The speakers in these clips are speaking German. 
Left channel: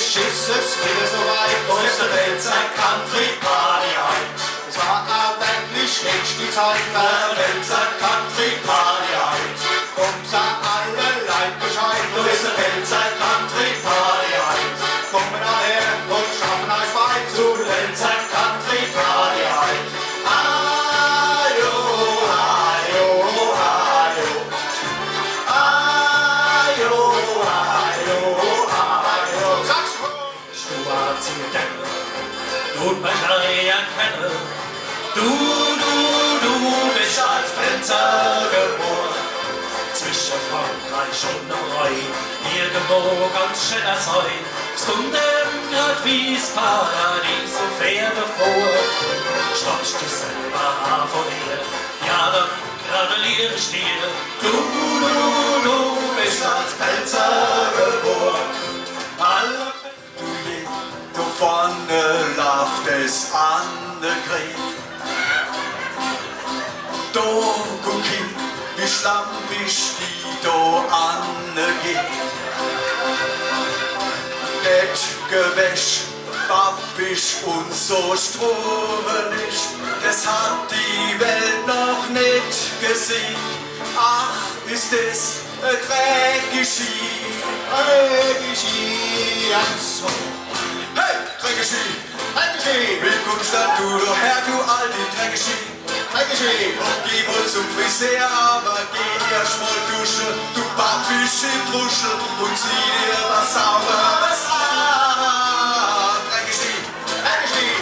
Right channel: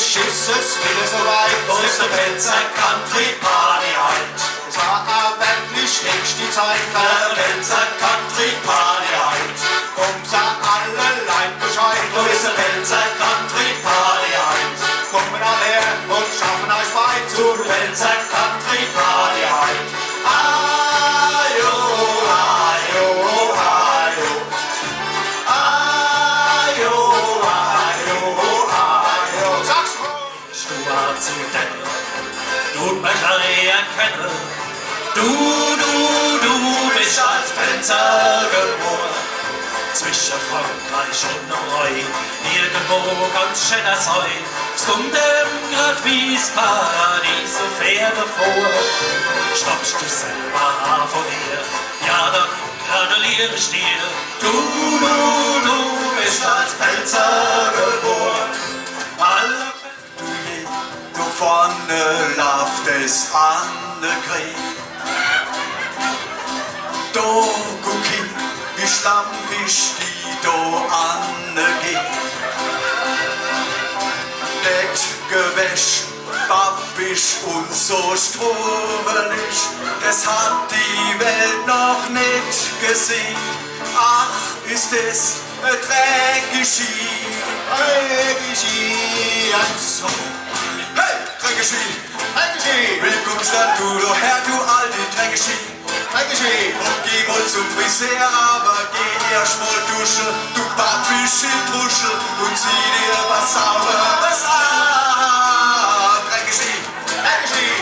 Endlich ist es wieder soweit, Unsere Pelzer Country Party heut. es war aber wirklich nicht die Zeit Der Pelzer Country Party heut. Unser alle Leid Bescheid. Unsere Pelzer Country Party heut. Kommen alle her und schaffen euch weit Zu Pelzer Country Party heut. Ajo, ajo, ajo. Ajo, ajo, ajo. Sag's wohl! Schwarzen Depp, tut man erkennen. Du bist als Pelzer geboren. Zwischen Frankreich und Norway, irgendwo ganz schön das Heu. Es kommt dem grad wie's Paradies so Pferde vor. Stoppst du selber an von ihr, ja dann gratuliere ich dir. Du bist als Pelzer geboren. Alle Du vorne lauft es an der Krieg. Do gucki, wie schlampig die do angeht. Det Gewäsch, babbisch und so strubelig, das hat die Welt noch nicht gesehen. Ach, ist es dreckig hier. Hey, dreckig hier. Willkommen stand du doch her, du alte dreckig hier. Geh mal zum Friseur, aber geh erst mal duschen, du pappische Truschel, und zieh dir was Sauberes an. Dreckig,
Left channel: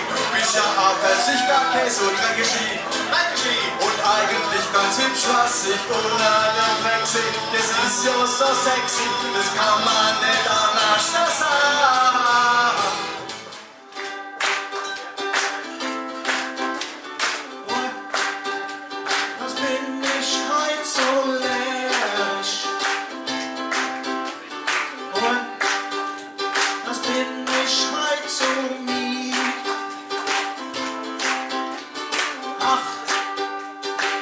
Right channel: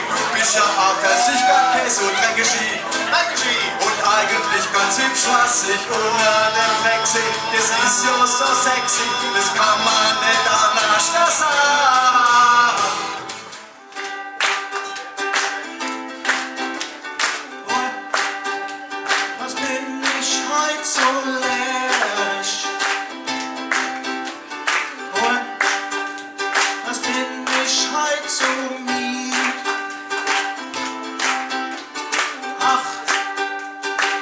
du bist ja auch ganz sicher Käse und dreckig. Und eigentlich ganz hübsch, was ich unter dem Fleck seh, das ist ja so sexy, das kann man nicht anders sagen. Was bin ich heut so leerisch? Was bin ich heut so mied? Ach,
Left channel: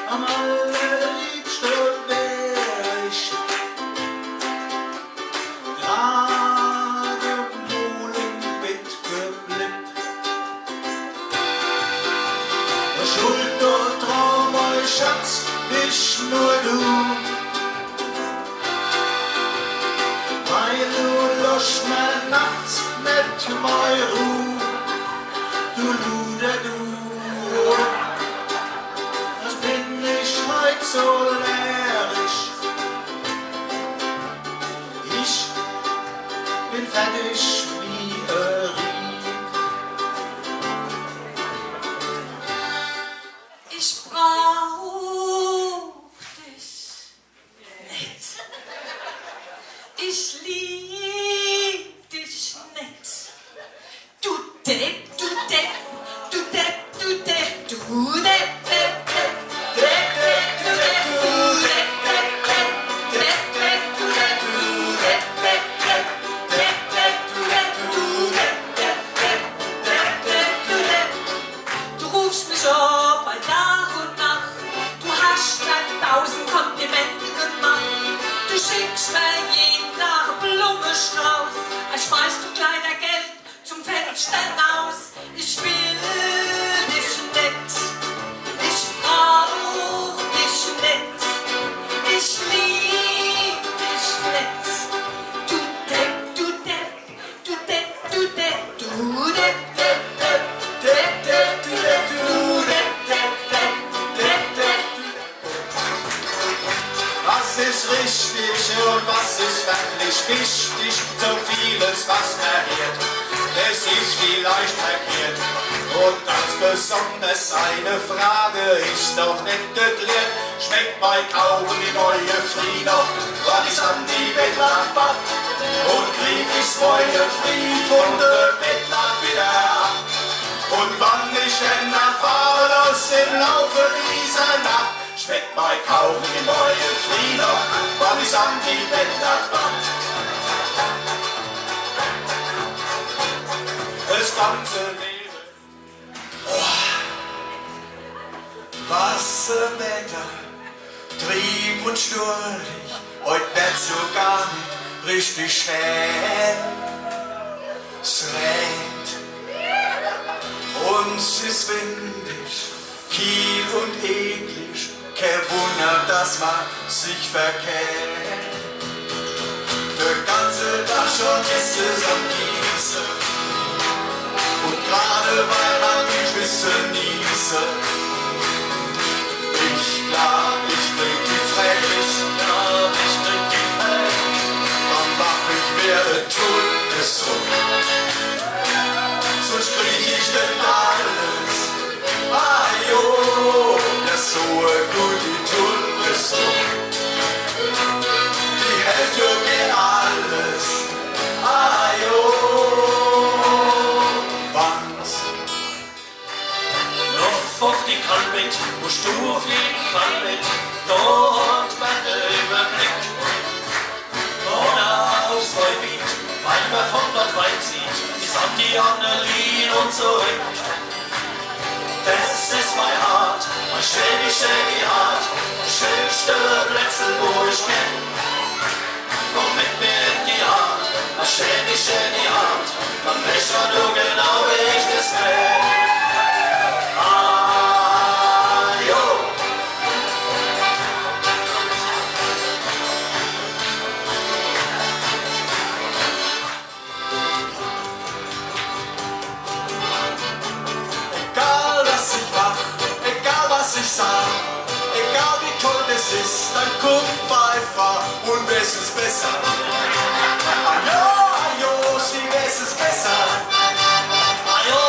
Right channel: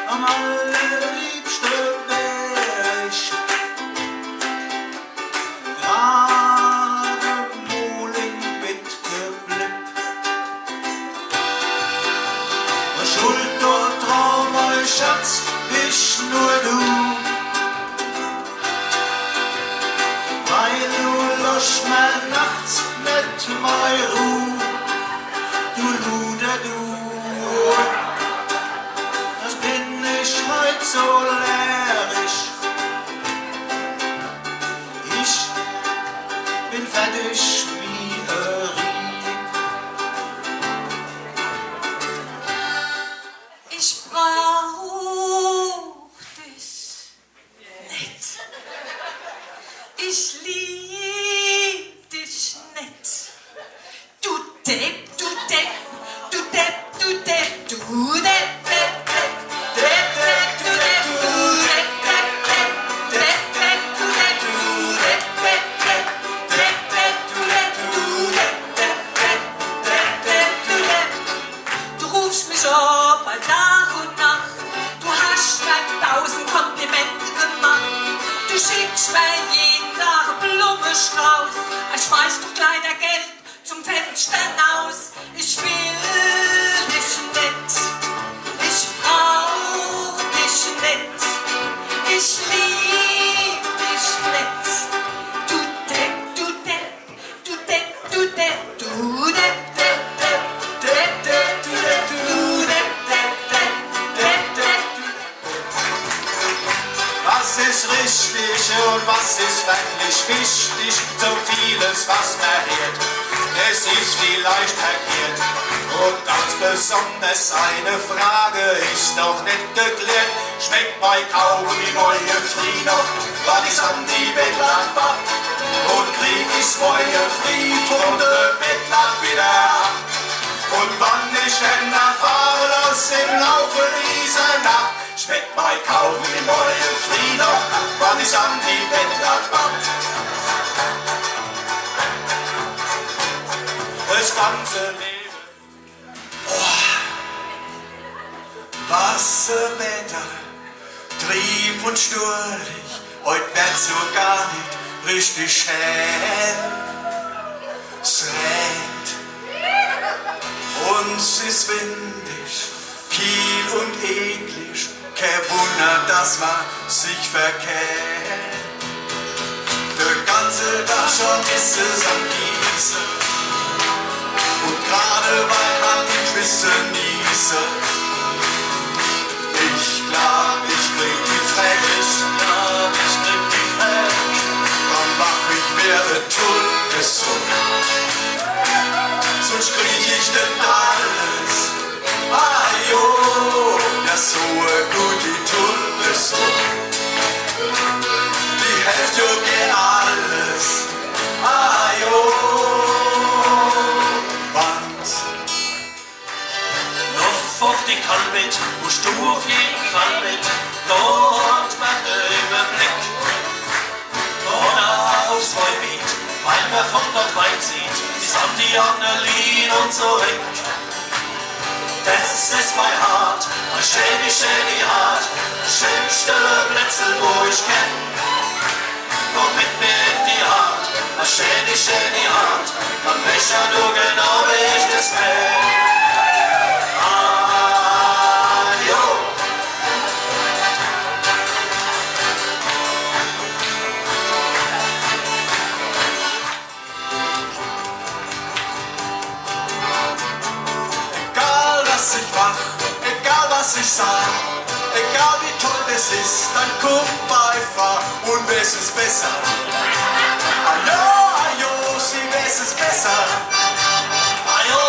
am allerliebsten wär ich gerade wohl im Bett geblieben. Schuld und Traum, mein Schatz, bist nur du. Weil du löscht mir nachts mit mei Ruh. Du Luder, du. Was bin ich heut so leerisch? Ich bin fertig wie Rieb. Ich brauch dich nicht. Ich lieb dich nicht. Du Depp, du Depp, du Depp, du Depp, du Depp, Depp, Depp, Depp, du Depp, du Depp, Depp, Depp, du Depp, du Depp, Depp, Depp, du Depp, du Depp, Depp, Depp, du Depp. Du rufst mich ab bei Tag und Nacht. Du hast mir 1000 Komplimente gemacht. Du schickst mir jeden Tag einen Blumenstrauß. Ich schmeiß du kleiner Geld zum Fenster aus. Ich will dich nicht. Ich brauch dich nicht. Ich lieb dich nicht. Du Depp, du Depp, du Depp, du Depp, du Depp, Depp, Depp, Depp, Depp, du Depp, du Depp, Depp, Depp, Depp, Depp, du Depp. Was ist richtig und was ist wirklich wichtig? So vieles, was verheert, es ist vielleicht verkehrt. Und ganz besonders eine Frage ist doch nicht geklärt. Schmeckt bei Kaugummi neue Frie noch, was ist an die Bettlack? Und krieg ich's neue Frie von der Bettlack wieder ab? Und wann ich denn erfahre, dass im Laufe dieser Nacht schmeckt bei Kaugummi neue Frie noch, was ist an die Bettlack? Das ganze Leben. Was für Wetter, trieb und sturrig, heut wird's so gar nicht richtig hell. regnet und es ist windig, kiel und eklig, kein Wunder, dass man sich verkehrt. Der ganze Tag schon ist es am Gießen und gerade weil man nicht wissen nieße. Ich glaub, ich krieg die Frech, dann mach ich mir den Todesdruck. Sonst krieg ich denn alles. Ah jo, das so gut die Todesdruck. Die Hälfte geht alles. Ah jo, Wand. Noch auf die Kalbit, musst du auf jeden Fall mit. Dort man den Überblick. Oder aufs Neubiet, weil man von dort weit sieht, bis an die Annelien und zurück. Das ist mein Hart, mein schädig Hart, das schönste Plätze, wo ich kenn. Komm mit mir in die Hart, mein schädig Hart, dann weiß ja nur genau, wie ich das kenn. Ah, jo. Egal was ich mach, egal was ich sag, egal wie toll es ist, dann guck einfach und es ist besser. Ajo, sie weiß es besser. Ajo,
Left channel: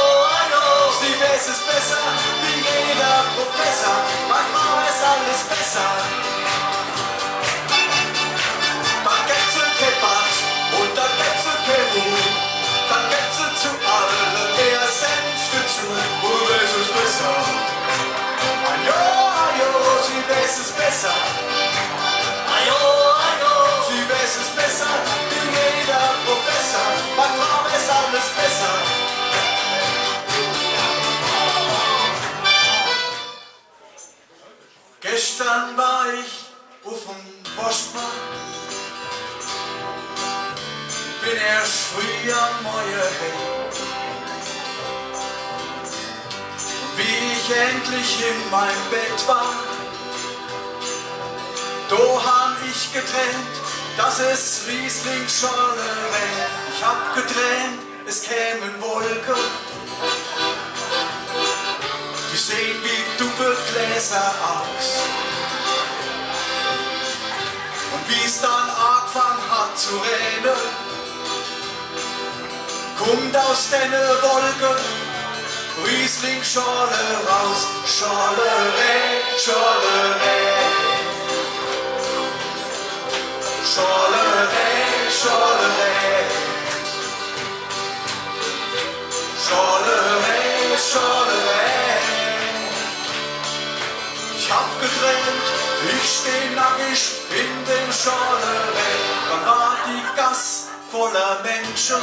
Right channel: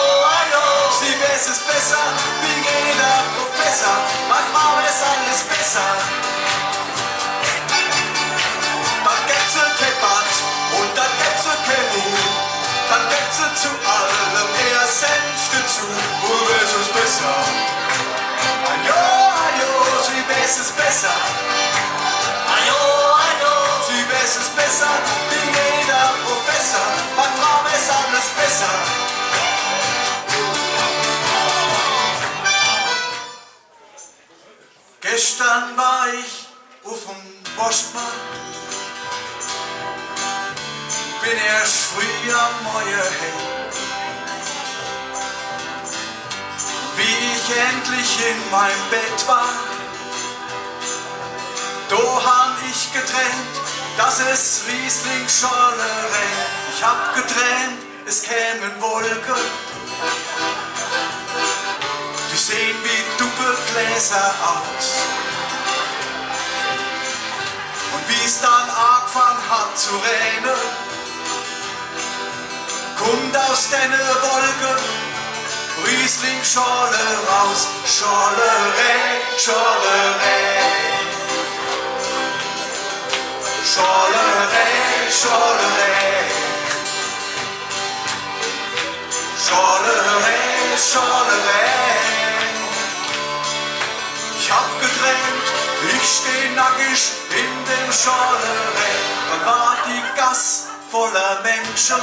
Sie weiß es besser wie jeder Professor. Manchmal ist alles besser. Dann gibt's ein Kebat und dann gibt's ein Kebu. Dann gibt's zu allem eher Senf dazu. Und es ist besser. Ajo, sie weiß es besser. ajo, Sie weiß es besser wie jeder Professor. Manchmal ist alles besser. Gestern war ich auf dem Postmarkt, bin erst früh am Morgen heim. Und wie ich endlich in mein Bett war, da hab ich geträumt, dass es Riesling-Schorle rennt. Ich hab geträumt, es kämen Wolken, die sehen wie Doppelgläser aus. Und wie es dann angefangen hat zu regnen, kommt aus den Wolken Riesling-Schorle raus. Schorlerei, Schorlerei. Schorlerei, Schorlerei. Schorlerei, Schorlerei. Ich hab geträumt, ich steh nackig in dem Schorlerei. Dann war die Gass voller Menschen,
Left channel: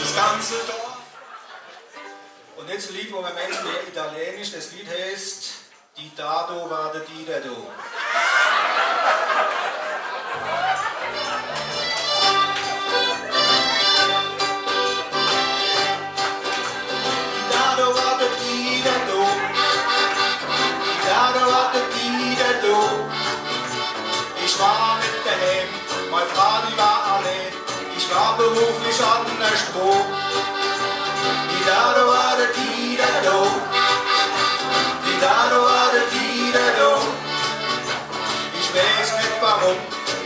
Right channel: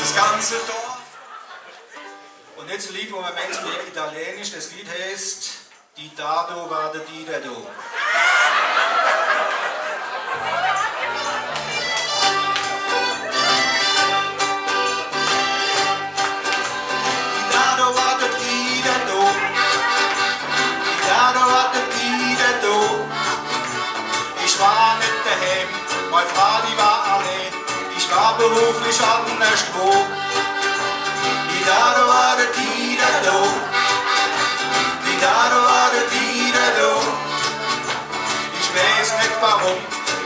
das ganze Dorf. Und jetzt ein Lied, wo man Menschen lernt, Italienisch, das Lied heißt Die Dado war der Didado. Ich war nicht daheim, meine Frau die war allein, ich war beruflich anderswo. Die Dado war der Didado, die Dado war der Didado. Ich weiß nicht warum,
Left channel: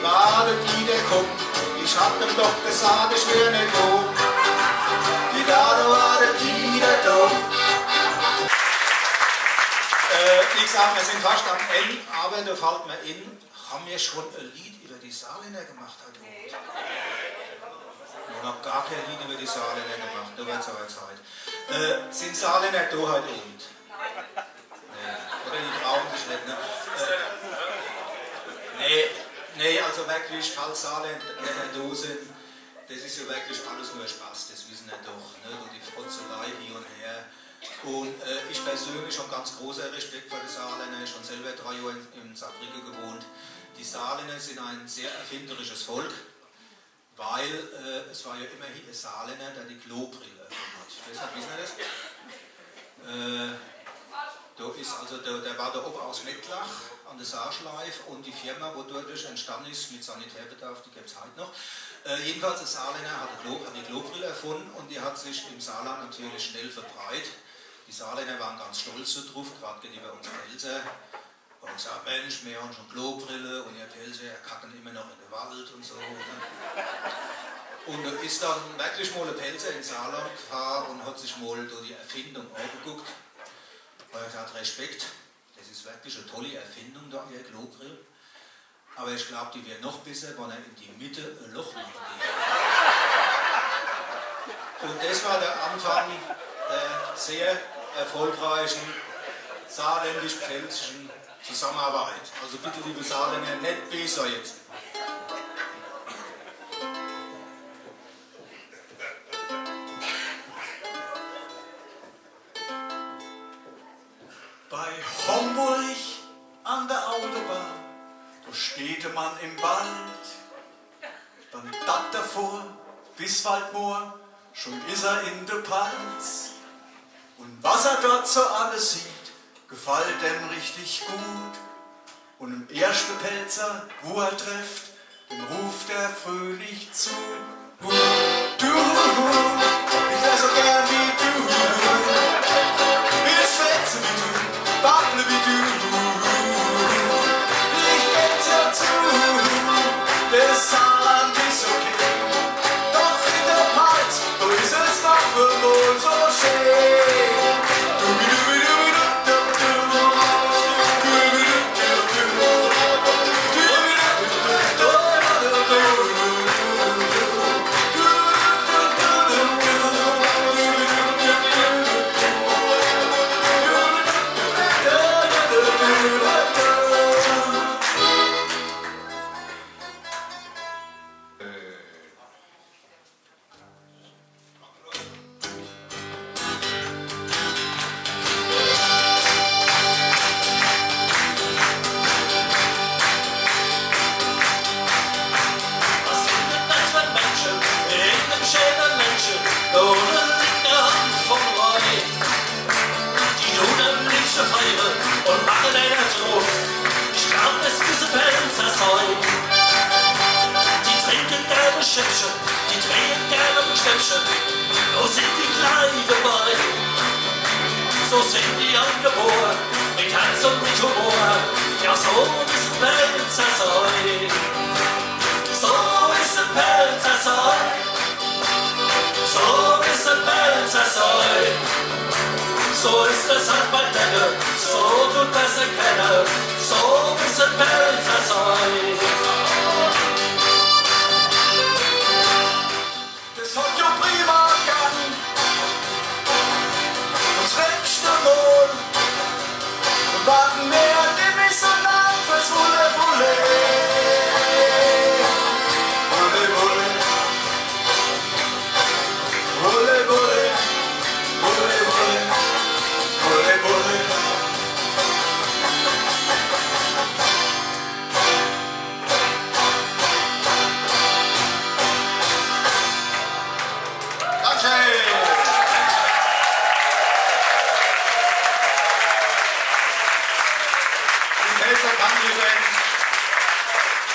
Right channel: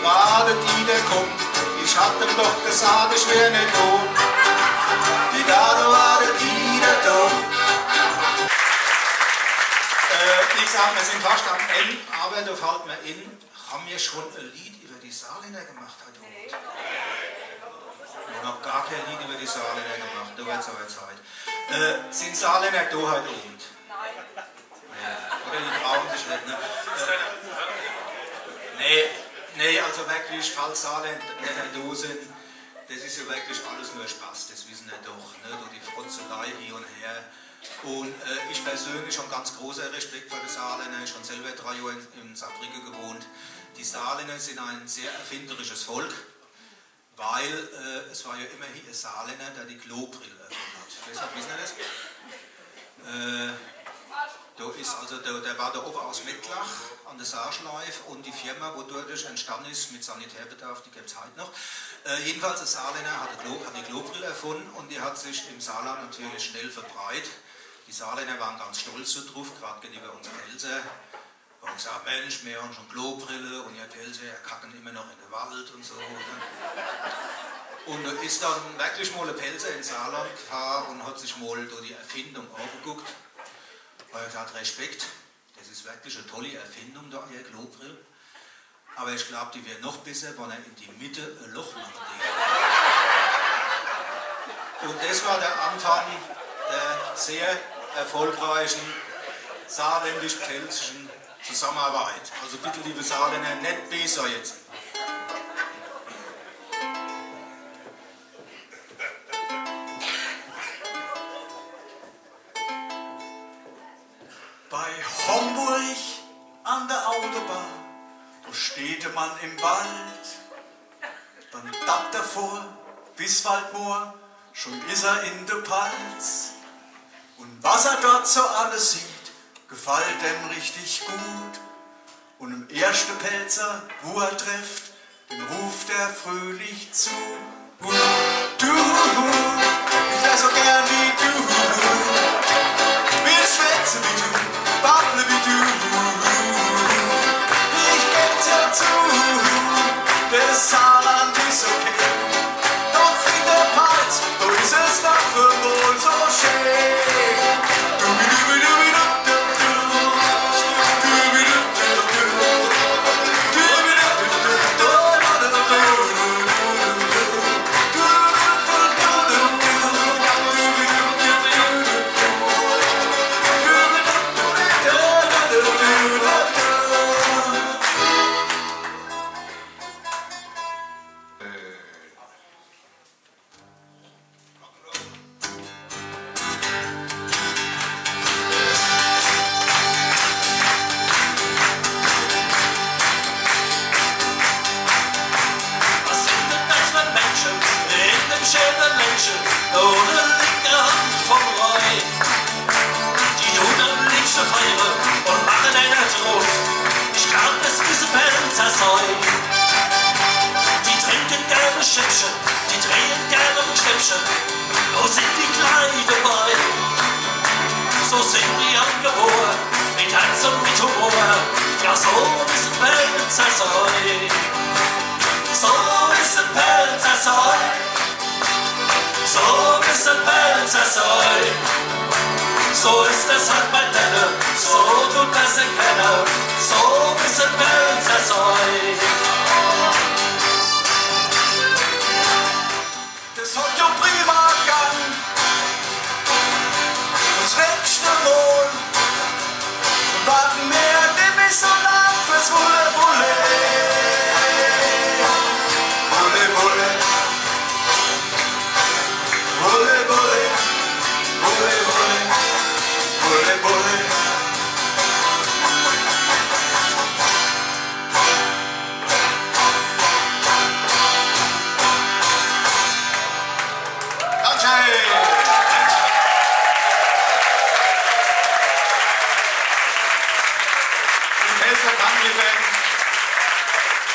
war der Dida kommt, ich hab ihm doch gesagt, ich wär nicht da. Die Dado war der Didado. Ich sag, wir sind fast am Ende, aber da fällt mir in, haben wir schon ein Lied über die Saarländer gemacht heute Abend? Wir haben noch gar kein Lied über die Saarländer gemacht, da wird es aber Zeit. Sind Saarländer da heute Abend? Nee. Oder die trauen sich nicht, ne? Nee, also wirklich, falls Saarländer da sind, das ist ja wirklich alles nur Spaß, das wissen wir doch, ne? Und die Frotzelei hier und her. Und ich persönlich habe ganz großer Respekt für die Saarländer. Ich habe selber 3 Jahre in Saarbrücken gewohnt. Die Saarländer sind ein sehr erfinderisches Volk. weil es war ja immerhin ein Saarländer, der die Klobrille erfunden hat. Deshalb wissen wir das. Der war da oben aus Mettlach an der Saarschleife und die Firma, wodurch entstanden ist mit Sanitärbedarf, die gibt es heute noch. Jedenfalls der Saarländer hat die Klobrille erfunden und die hat sich im Saarland natürlich schnell verbreitet. Die Saarländer waren ganz stolz so drauf, gerade gegenüber uns Pelzer. Und gesagt, Mensch, wir haben schon Klobrille und ihr Pelzer, kacken immer noch in den Wald und so. Und da ist dann wirklich mal ein Pelzer in Saarland gefahren und hat sich mal durch die Erfindung angeguckt. Und er hat Respekt, das ist wirklich eine tolle Erfindung da, ihr Klobrille. Aber ich glaube, die wäre noch besser, wenn er in die Mitte ein Loch machen würde. Und das war der Anfang der sehr erfolgreichen saarländisch-pfälzischen Zusammenarbeit. Also bitte, liebe Saarländer, nicht besser jetzt. Bei Homburg an der Autobahn, da steht man im Wald. Dann dat davor bis Waldmoor, schon ist er in der Palz. Und was er dort so alles sieht, gefällt dem richtig gut. Und im ersten Pelzer, wo er trifft, dem ruft er fröhlich zu. Du, ich wär so gern wie du. Wir schwätzen wie du, wackeln wie du. Ich geb dir zu, das Saarland ist okay. Doch in der Palz, da ist es doch wohl so schön. So sind die angeboren, mit Herz und mit Humor. Ja, so ist ein Pelzersäu. So ist ein Pelzersäu. So ist ein Pelzersäu. So ist es halt bei denen, so tut er sich kennen. So ist ein Pelzersäu. Das hat ja prima gegangen. Nächste Mal und warten wir nämlich so lang fürs Wulle, Wulle. Wulle, Wulle. Wulle, Wulle. Wulle, Wulle. Wulle, Wulle.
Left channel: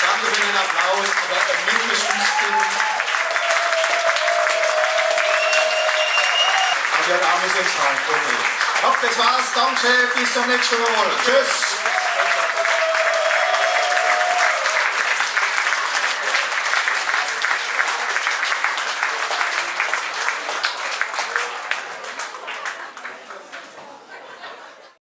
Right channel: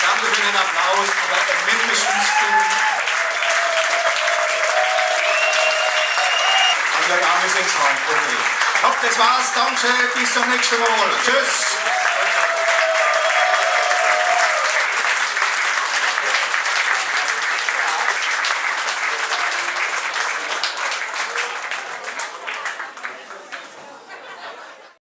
Danke für den Applaus, aber mindestens also der Arme sind schreien. Okay. Hopp, das war's. Danke, bis zum nächsten Mal. Tschüss.